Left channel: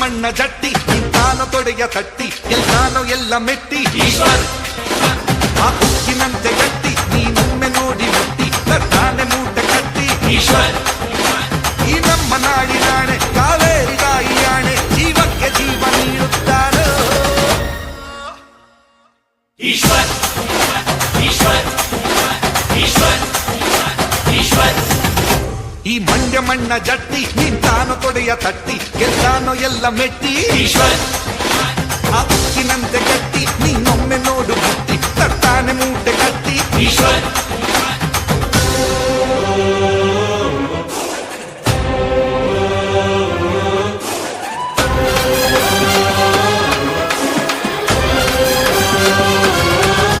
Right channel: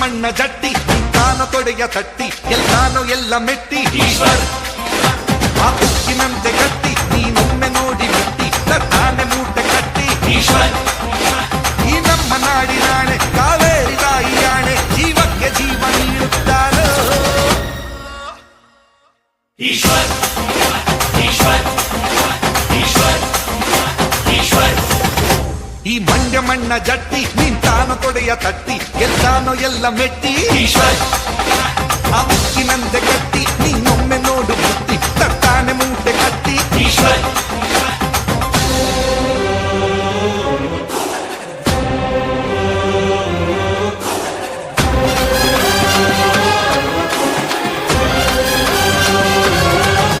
ಮಣ್ಣ ಜಟ್ಟಿ ನಿಂತಾನೋ ತೊಡೆಯ ತಟ್ಟಿ ಗೆಲ್ತಾನೋ ಎಲ್ಲ ಮೆಟ್ಟಿ ಈಶ್ವರ್ ಆ ಉಕ್ಕಿನಂತೆ ಗಟ್ಟಿ ನೀನೊಮ್ಮೆ ನೋಡಿ ಮುಟ್ಟಿ ತರ್ತಾನೆ ಮೂಟೆ ಕಟ್ಟಿ ಈಶ್ವರ್ ಈ ನಮ್ಮ ನಾಡಿನಾಣೆ ಕಾವೇರಿ ತಾಯಿಯಾಣೆ ಜೀವಕ್ಕೆ ಜೀವ ನೀಡುತ್ತಾನೋ ಈಶ್ವರ್ ಈಶ್ವರ್ ಈಶ್ವರ್ ಈಶ್ವರ್ ಈ ಮಂಡ್ಯ ಮಣ್ಣ ಜಟ್ಟಿ ನಿಂತಾನೋ ತೊಡೆಯ ತಟ್ಟಿ ಗೆಲ್ತಾನೋ ಎಲ್ಲ ಮೆಟ್ಟಿ ಈಶ್ವರ್ ಆ ಉಕ್ಕಿನಂತೆ ಗಟ್ಟಿ